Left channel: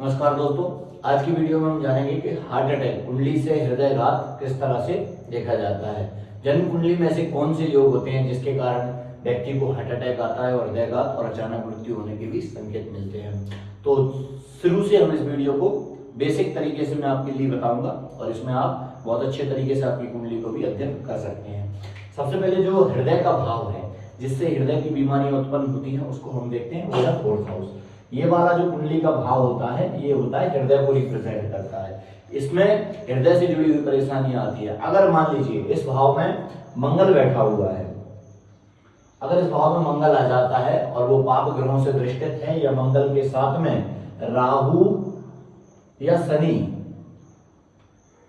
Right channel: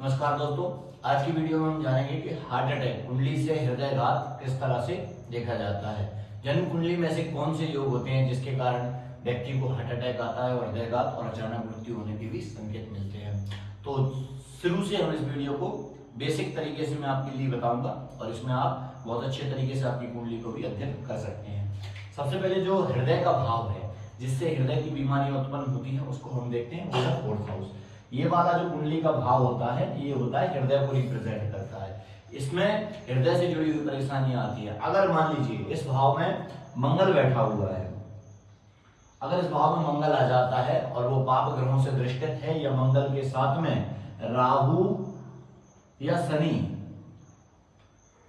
नमस्कार दोस्तों, आज की वीडियो में हम जानेंगे कि हार्ट अटैक कुंडली से हृदयघात किस तरह से देखा जाता है। जन्म कुंडली में ऐसे कौन से योग होते हैं जिसके कारण व्यक्ति को हार्ट अटैक आता है और हृदयघात और अचानक मृत्यु होने के भी संकेत मिलते हैं। तो शुरू से हम इस वीडियो को बेसिक तरीके से मैं आपके लिए बताऊंगा और इसमें आप बहुत अच्छे तरीके से आपकी कुंडली को भी अध्ययन कर सकते हैं। सबसे पहले जो हृदय का भाव है जिससे हृदय की बीमारियां उत्पन्न होती हैं उसको हम देखते हैं, वो है फोर्थ हाउस। ये वाला जो कुंडली का भाव होता है ये होता है हृदय को रिप्रेजेंट करता है। इसमें हृदय से जुड़ी हुई परेशानियां आती है। अगर मान लीजिए इस भाव में मंगल बैठा हुआ है, अगर इस भाव में मंगल आ जाता है और वो पाप ग्रहों से दृष्टित है या मंगल के साथ में राहु या शनि,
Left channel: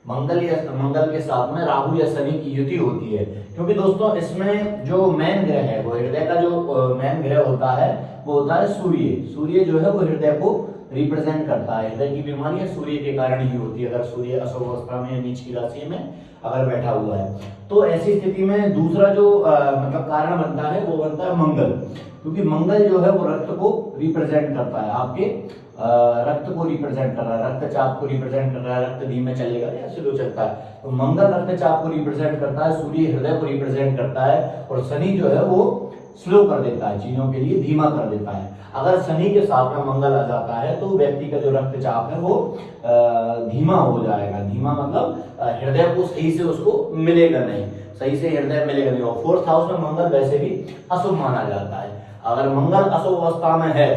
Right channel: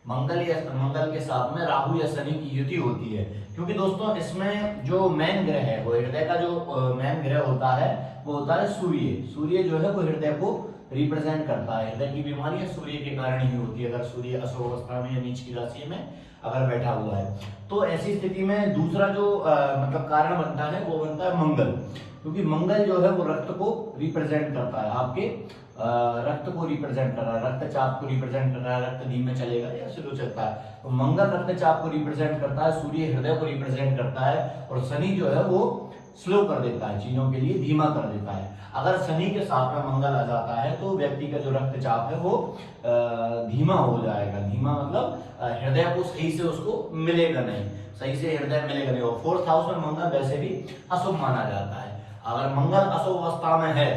मंगल के साथ में राहु या शनि की युति होती है, क्योंकि दोस्तों इसमें जो मेन ग्रह है वो हृदय का जो मेन ग्रह होता है वो होता है सूर्य। सूर्य जो है वो हृदय को रिप्रेजेंट करता है। हृदय की बीमारियां सूर्य के कारण ही होती है। अगर सूर्य अशुभ अवस्था में या नीच की राशि में अगर बैठा हुआ है तो ऐसी स्थिति में दूसरा जो मतलब कारण बनता है वो बनता है मंगल, क्योंकि मंगल जो है वो रक्त को रिप्रेजेंट करता है, आपके रक्त को रिप्रेजेंट कर रहा है, रक्तचाप को रिप्रेजेंट कर रहा है। रक्त धीमे चलेगा या स्लो चलता है, तो मंगल रक्तचाप को रिप्रेजेंट करता है, सूर्य हृदय को रिप्रेजेंट करता है और शनि जो है वो स्लो कर देता है, चीजों के लिए धीमा कर देता है। अगर शनि के साथ में मंगल आ जाता है तो व्यक्ति का जो रक्तचाप है वो धीमा हो जाएगा। धीमा मतलब हृदय को सही से उसको मिलेगा नहीं, सही से हृदय मिलेगा नहीं। और फोर्थ हाउस में मंगल वैसे भी अशुभ माना जाता है। अगर मंगल अशुभ अवस्था में है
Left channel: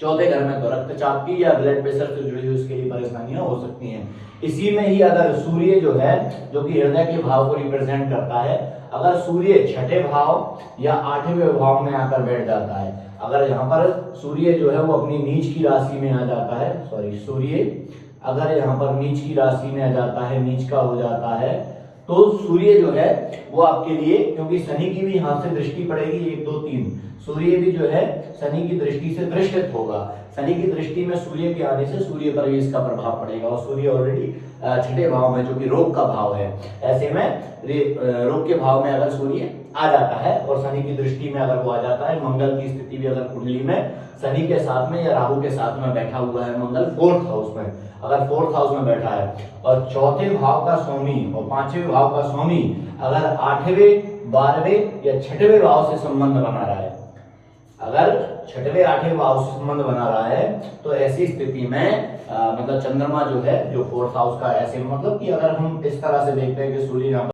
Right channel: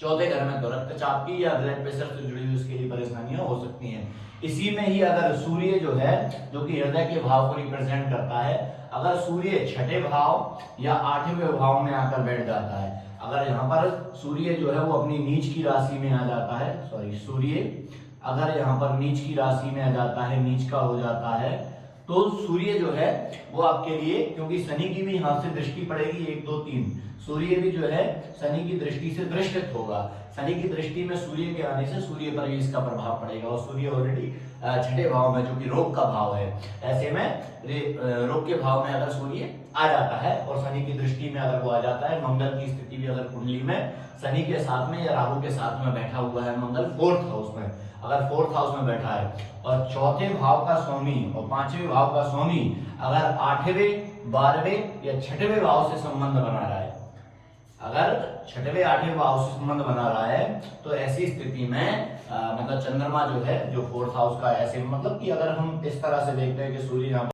चौथे घर में तो रक्तचाप की या ब्लड प्रेशर से जुड़ी हुई उसके लिए परेशानियां हो सकती हैं। इसी में ही अगर सूर्य जो है जो कि हृदय के भाव को रिप्रेजेंट करता है, अगर सूर्य छठे भाव या आठवें भाव में आकर बैठ जाता है, अगर यहाँ पर सूर्य जो है वो अपनी नीच की राशि में आ जाता है, सूर्य अगर यहाँ पर नीच की राशि में आ जाता है, नीच का हो जाता है, तो सूर्य जो है वो आपके लिए, क्योंकि शनि की भी यहाँ से दृष्टि पड़ेगी 1 2 3, सूर्य भी जो है शनि की दृष्टि से दृष्टित होगा। शनि की दृष्टि में सूर्य के आने से सूर्य पर भी इसका प्रभाव पड़ेगा और सूर्य ऑलरेडी छठे भाव में जो कि रोग का भाव है, ऐसे में रोग के भाव में अगर सूर्य आ जाता है और शनि की दृष्टि में अगर वो आ जाता है, मंगल की स्थिति भी अगर कुंडली में शनि के साथ में या राहु के साथ में बैठा हुआ है, मंगल फोर्थ हाउस में अगर फोर्थ हाउस में बैठा है और चौथे भाव का स्वामी और पांचवें भाव का स्वामी अगर आठवें 12वें या छठवें भाव से संबंध बना रहा है, अगर छठवें 8वें भाव से संबंध बना रहा है तो ऐसी स्थिति में मतलब चंद्रमा जो है जो फोर्थ हाउस का, ऐसे मतलब कि अगर हम इस तरह से देखते हैं कि सूर्य यहाँ